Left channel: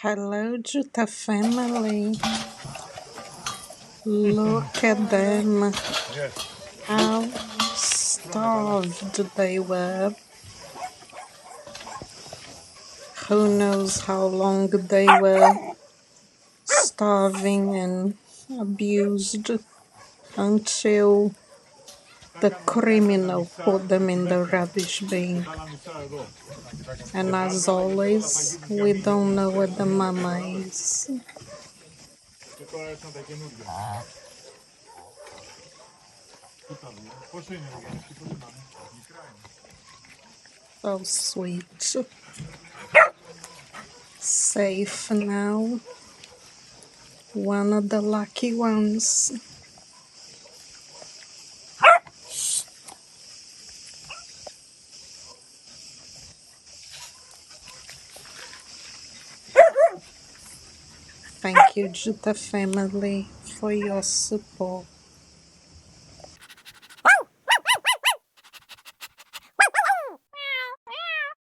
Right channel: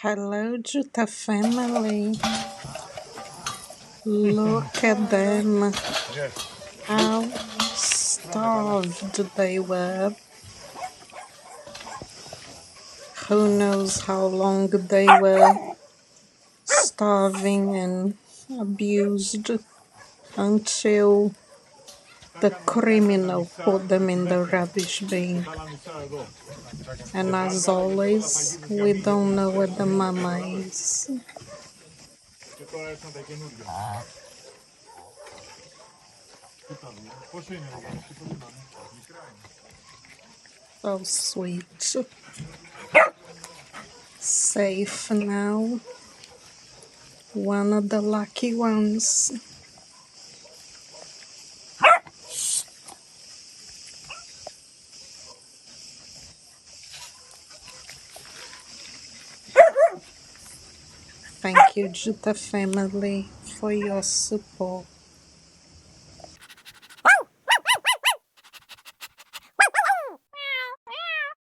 Hello, Jutta family. Look at them. How starved they were. Who knows how long they were starving and abused until the criminal put them in the rubbish bin. And as always, we don't know where the mama is. So sweet. Safe now. One of the lucky ones. Thank you, Jutta family, for your support.